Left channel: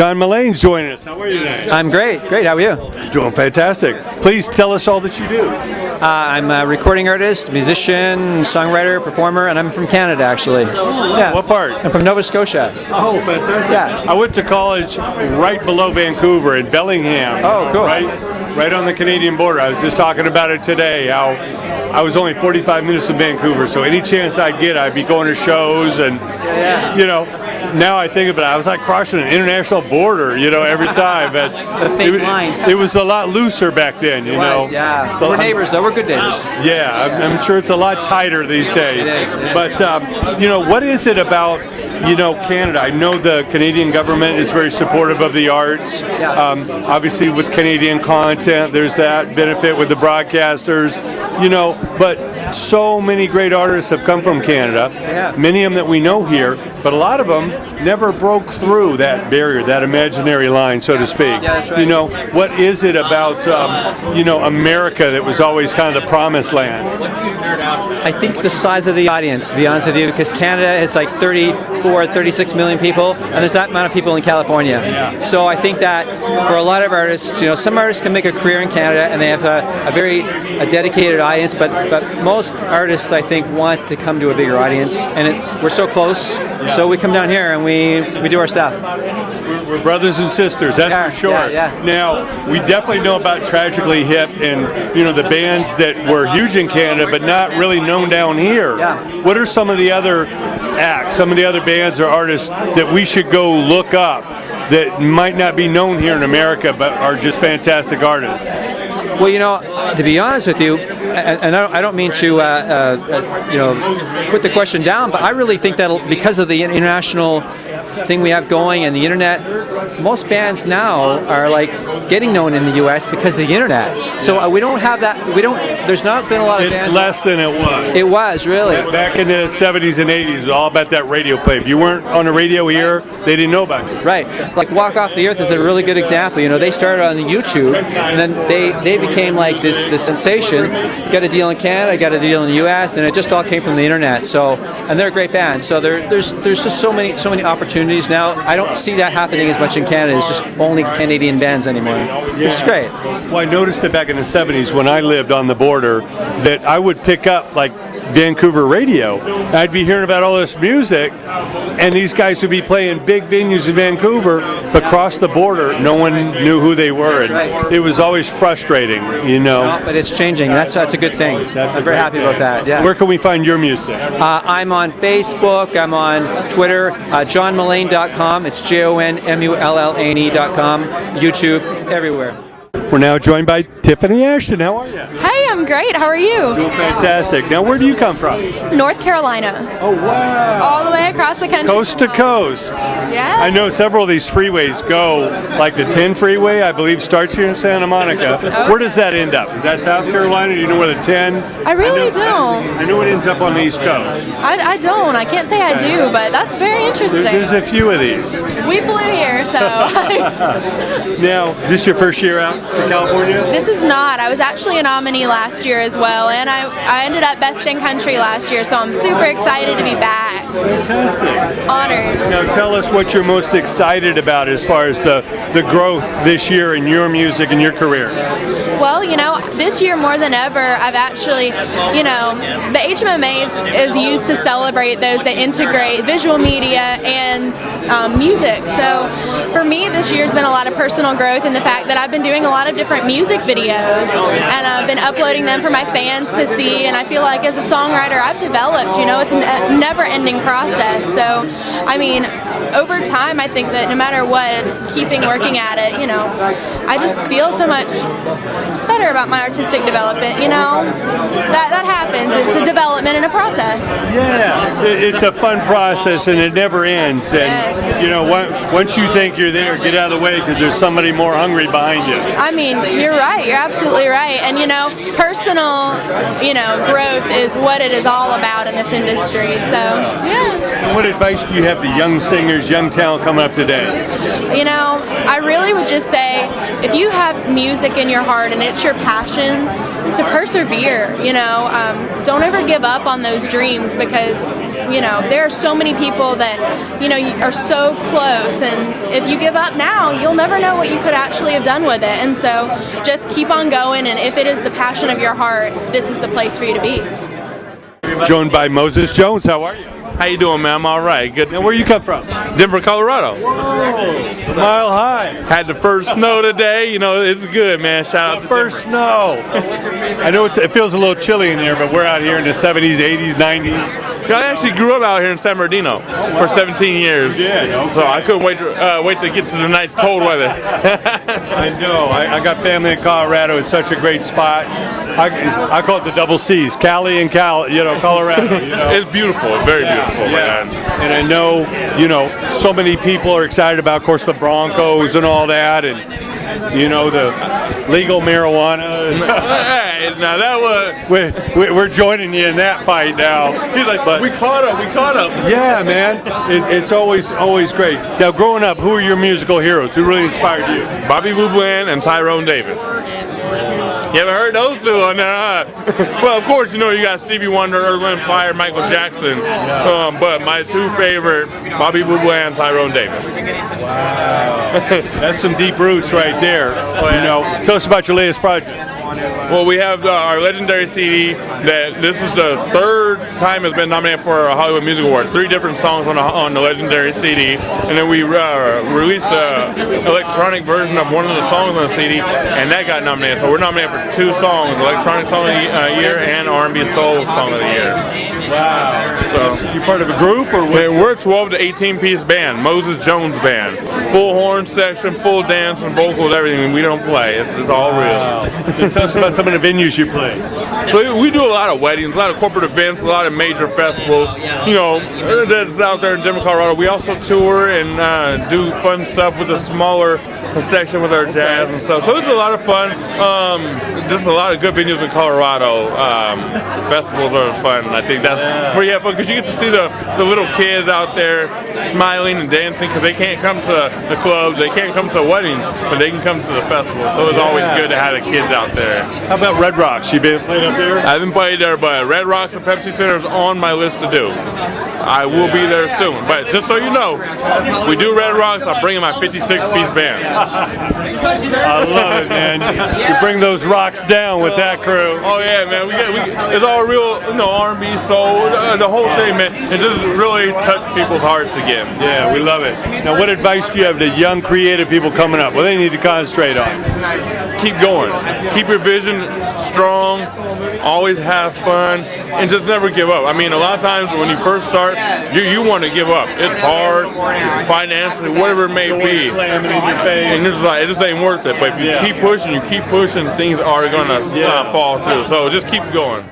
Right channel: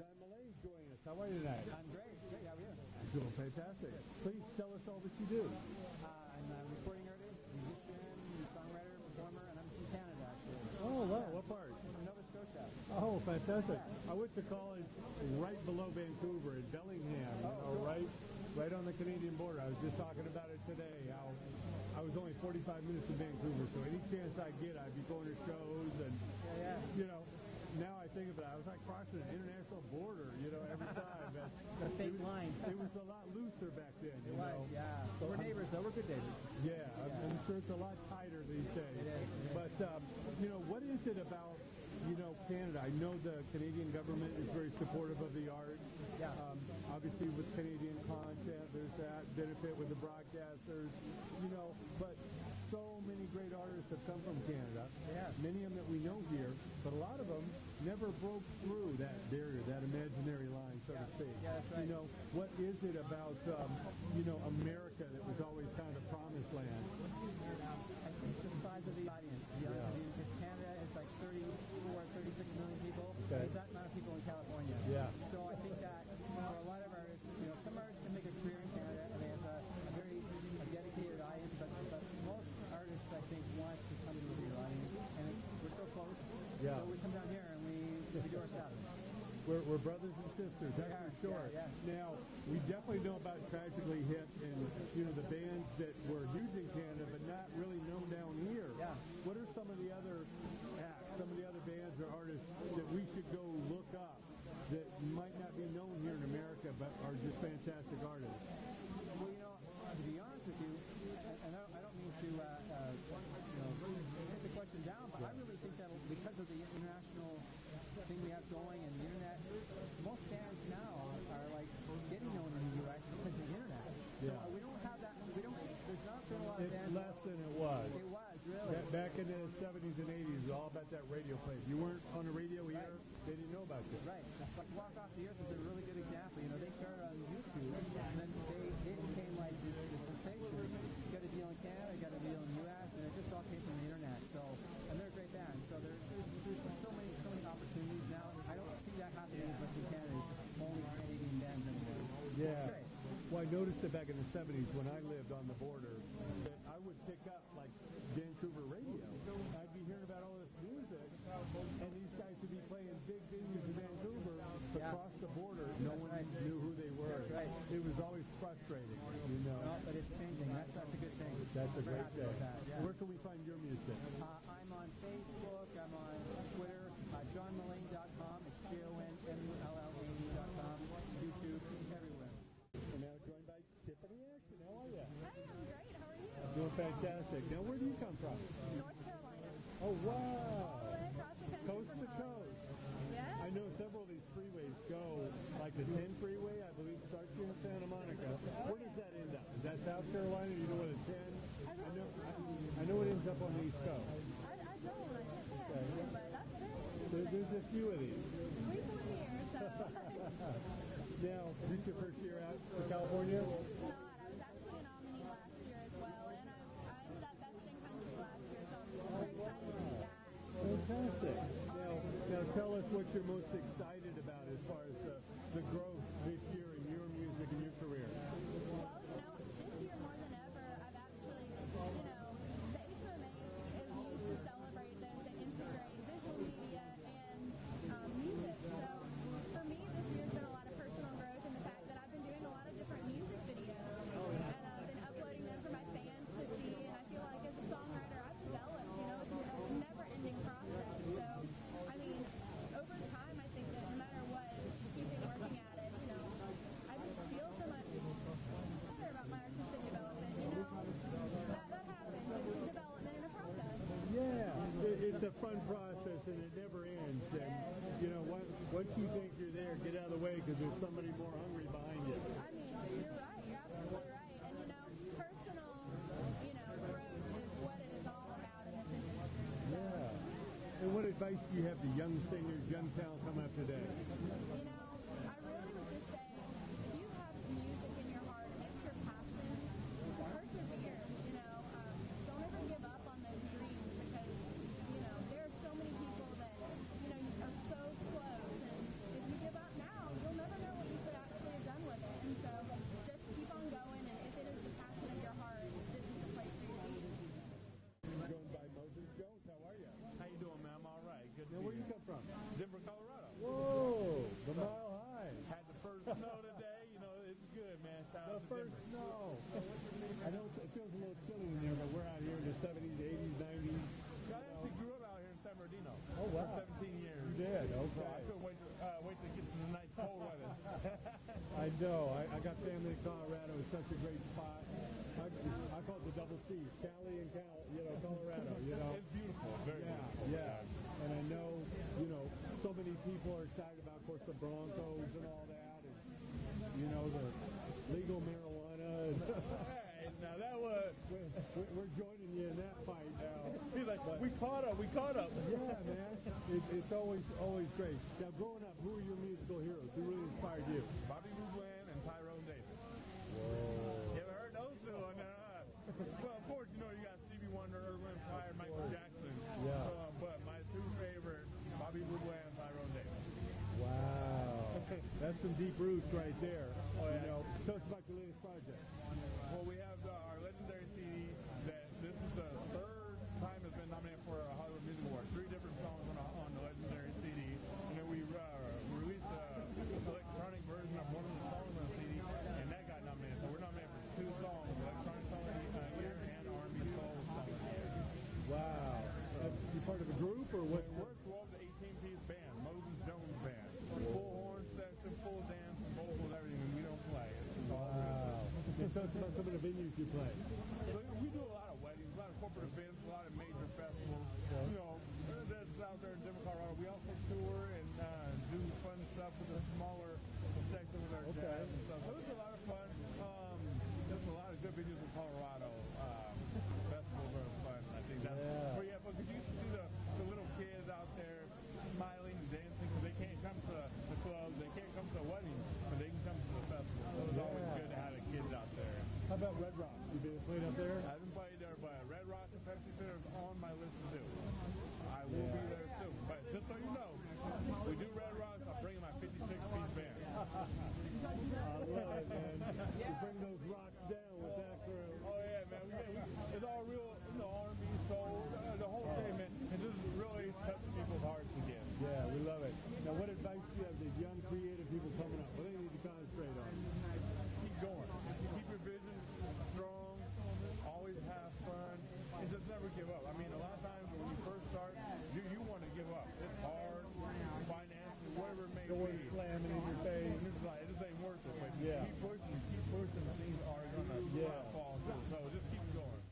John Mullane's joining us. How are you today? I'm great. Great. How are you? Doing fantastic. Please tell us all that you do. I'm a recording artist, musician, songwriter, performer, and I'm from Canada, actually. Yeah. What part? I'm from Nova Scotia. Oh, fantastic. Yeah. I went to college right below Vancouver in Bellingham. Oh, cool. Right on the Canadian border. I was just talking about it today, how I was only 45 minutes from Vancouver, so any chance I'd get, I'd be going to shows and, you know, now I think about it, I was like crossing an international border, you know, every time. But it was a lot looser back then, you know. Yeah. So we're neighbors, though. We're good neighbors. Yeah, I'm sure it's a lot tighter these days. It is. But, you know, what is it about, you know, Canada? I know the Canadian government is very supportive of the arts. Obviously, with Canadian content, there's that benefit with the broadcasters, you know, but so many great artists have come from Canada, many of them that we know here, but a lot of them never broke through that barrier, that imaginary line, so to speak. Yeah, that's right. You know, what is it about, you know, America that was always kind of the promised land? I think the size of the audience, to be honest with you, because Canada is like 34, 36 million people, and there's that amount of people in California. So I think that for a lot of artists, you know, some artists can make a career in Canada and they have a very dedicated audience, but most artists, I think, want to come to a bigger audience, and we're so close, so we come down here and we do our stuff. We're brothers and sisters, that's for sure. Now, we definitely know about Tragically Hip and, you know, the bands that were huge in Canada but not really known down here. What are some of the other acts, some of the other bands or artists that we should go look up that might not be known here in America but are just fantastic artists? Well, you know, to be honest with you, and I don't mean to, you know, put the question down, but I really think that because of the international thing we have going and the internet, most bands now are like getting known in the U.S. because of the internet. So we don't have that. There's not been a lot of bands. It's less than it was. It was, really. Back in the 70s and 80s, it was all about that radio play. If you weren't on the radio here, they didn't know about you. Right. Like Walk Off the Earth is a really good example. You know, they started on YouTube, and then they became like this sensation. Got a deal in Canada, got a deal in the U.S., and it just all came from the internet. So, and they're a great band. So there's just so many opportunities now. I don't see that happening as much in Canada. It's just only Canadian bands anymore. It's great. Well, I noticed it back in the 70s when I lived on the border that I would pick up like Vancouver radio. I'd be hearing about all this music, and these guys would be playing big venues in Vancouver, but across the border, no one knew who they were. And it was always frustrating, you know. No, but it's changing. That's a good thing. I'm very happy about that. Yeah. Where can we find your music? I'm on Facebook. I'm on Twitter. JohnMullane.com. It's JONMULLANE.com. YouTube, everywhere. We're now joined by Tiffany Ashton. How are you? Hey, I'm great. How are you? Doing fantastic. Now, where do you come from? North Carolina. Oh, wow. All the way across the country. Coast to coast. Yeah. I know several of these freeways go, like the 10 freeway, I believe, starts here in Santa Monica. Okay. Where does that end up? Is that South Carolina? Do you know where the 10? I really don't. I know it ends up on the East Coast. I don't. I can't say I do, but that's very interesting. There's a few of these. We flew here, so. Now, is this your first year out in California? This is not. I was actually a nominee last year as well, and I ended up Best in Country last year, so I'm super excited to be back. Fantastic. Honored. Now tell us what you're most excited about as far as the growth this year in your music and your career. Well, you know, this year more than ever, I've actually, you know, the HMMA is used to celebrate those that integrate visual media and music. So for me, this year's been a lot of personal growth in the fact that I've been doing a lot of different music videos, and I've been uploading them for my fans to see, and I feel like as a songwriter I've developed, you know, it's a never-ending process. So, I mean, over time I think that no matter what, keeping working at it, you know, I just feel so much better about my artistic development, you know. That happens. It's a development and a process. Yeah, it's a fun process and it never ends. And, you know, once you think you're there, get out of the way because there's somebody more hungry behind you. I mean, you're right. You're absolutely right. And, you know, personal, you know, growth is what it is all about in this industry. So, yeah. And what advice do you have to young singers, young talent coming up today? You know, I really would just say, if you have music in your heart and it's your passion, to persevere, you know. Don't ever give up on those dreams, because you know, there are so many people that, you know, are so close, and if you give up now, you'll never know what you could actually have done with it. And so just keep on going, and if it is the passion of your heart, this is the place for you to be. Joined by Moses Jones. How are you? How you doing, man? I'm all right. Good. Now, where you come from? Denver, Colorado. Whoa, Mile High. Had the first snow today. You know, it's good, man. Shout out to First snow. I know it feels a little chilly in here, but we're out here in the 70s, 80s, 90s. You know, I actually grew up out here in San Bernardino for 17 years. Yeah, okay. So I couldn't wait to get to the nice cold weather. I know. I got family in Colorado. It's such a great spot. I call it the double C's, Cali and Colorado. You know? It's beautiful. Very beautiful, Yeah. man. And I know, you know, so many people are excited about, of course, the Broncos and all that, and you know, the legal marijuana. Hey, now that was. We're joining you in that fight now. He's like, but we caught up. Yeah, man. It's always great. Now, growing up, who are your musical heroes? Who really inspired you? Bobby Blue Bland and Tyrone Davis. You haven't heard those two on there, huh? Well, of course, you know, you got Stevie Wonder, Earth, Wind & Fire, Michael Jackson. But my two favorite, Bobby Blue Bland, Tyrone Davis. Wow. That's some deep roots right there. You know, tell us about your latest project. Well, we have our legendary CD that this is the third time it's been nominated for a Hollywood Music Award. 3 different songs on the legendary CD, and then we released an electronic version of one of the songs on the CD, and that got nominated. So we're nominated for 2 songs: Electronic Song of the Year and R&B Soul Song of the Year. Wow. So you part of a group, or what? we're a 12 to 18 piece band, Moses Jones Band. Full horn section, full dance and vocals, everything. We don't play. It's all real. Wow. So tell us about some of the venues you play. So we do a lot of weddings, a lot of corporate events, a lot of major festivals. You know, that's out there in Denver, Colorado. We also tour and do fun stuff with a smaller section with our jazz and stuff. So it's a lot of fun. Just a lot of good venues in Colorado. Festivals are fun. I think that's where you have fun, because you get to see the little kids out there smiling and dancing, because they can't come to the clubs, they can't come to weddings, but they can come to the festival. So it's always good to have the kids out there. How about Red Rocks? You been played up there? I haven't played there, but Red Rocks and Pepsi Center is on my list to do. I will be there soon. But just so you know, we do Red Rocks, I'm bringing my 56-piece band. I love it, man. You bring those rocks down with that crew. Oh yeah, man. It's all real, you know, R&B, soul, the whole thing, man. It just really touched people's hearts again. Yeah, we love it. Now, what advice do you have to young, creative people coming up? What do they need to concentrate on? Keep going. Keep your vision strong. Always have fun, and just never give up. I mean, a lot of times when you first start, you want to give up. It's hard, financially, whatever it may be. Slamming in your face. And this is like, it just ain't worth it. But if you keep pushing, things are gonna fall through. So just keep going.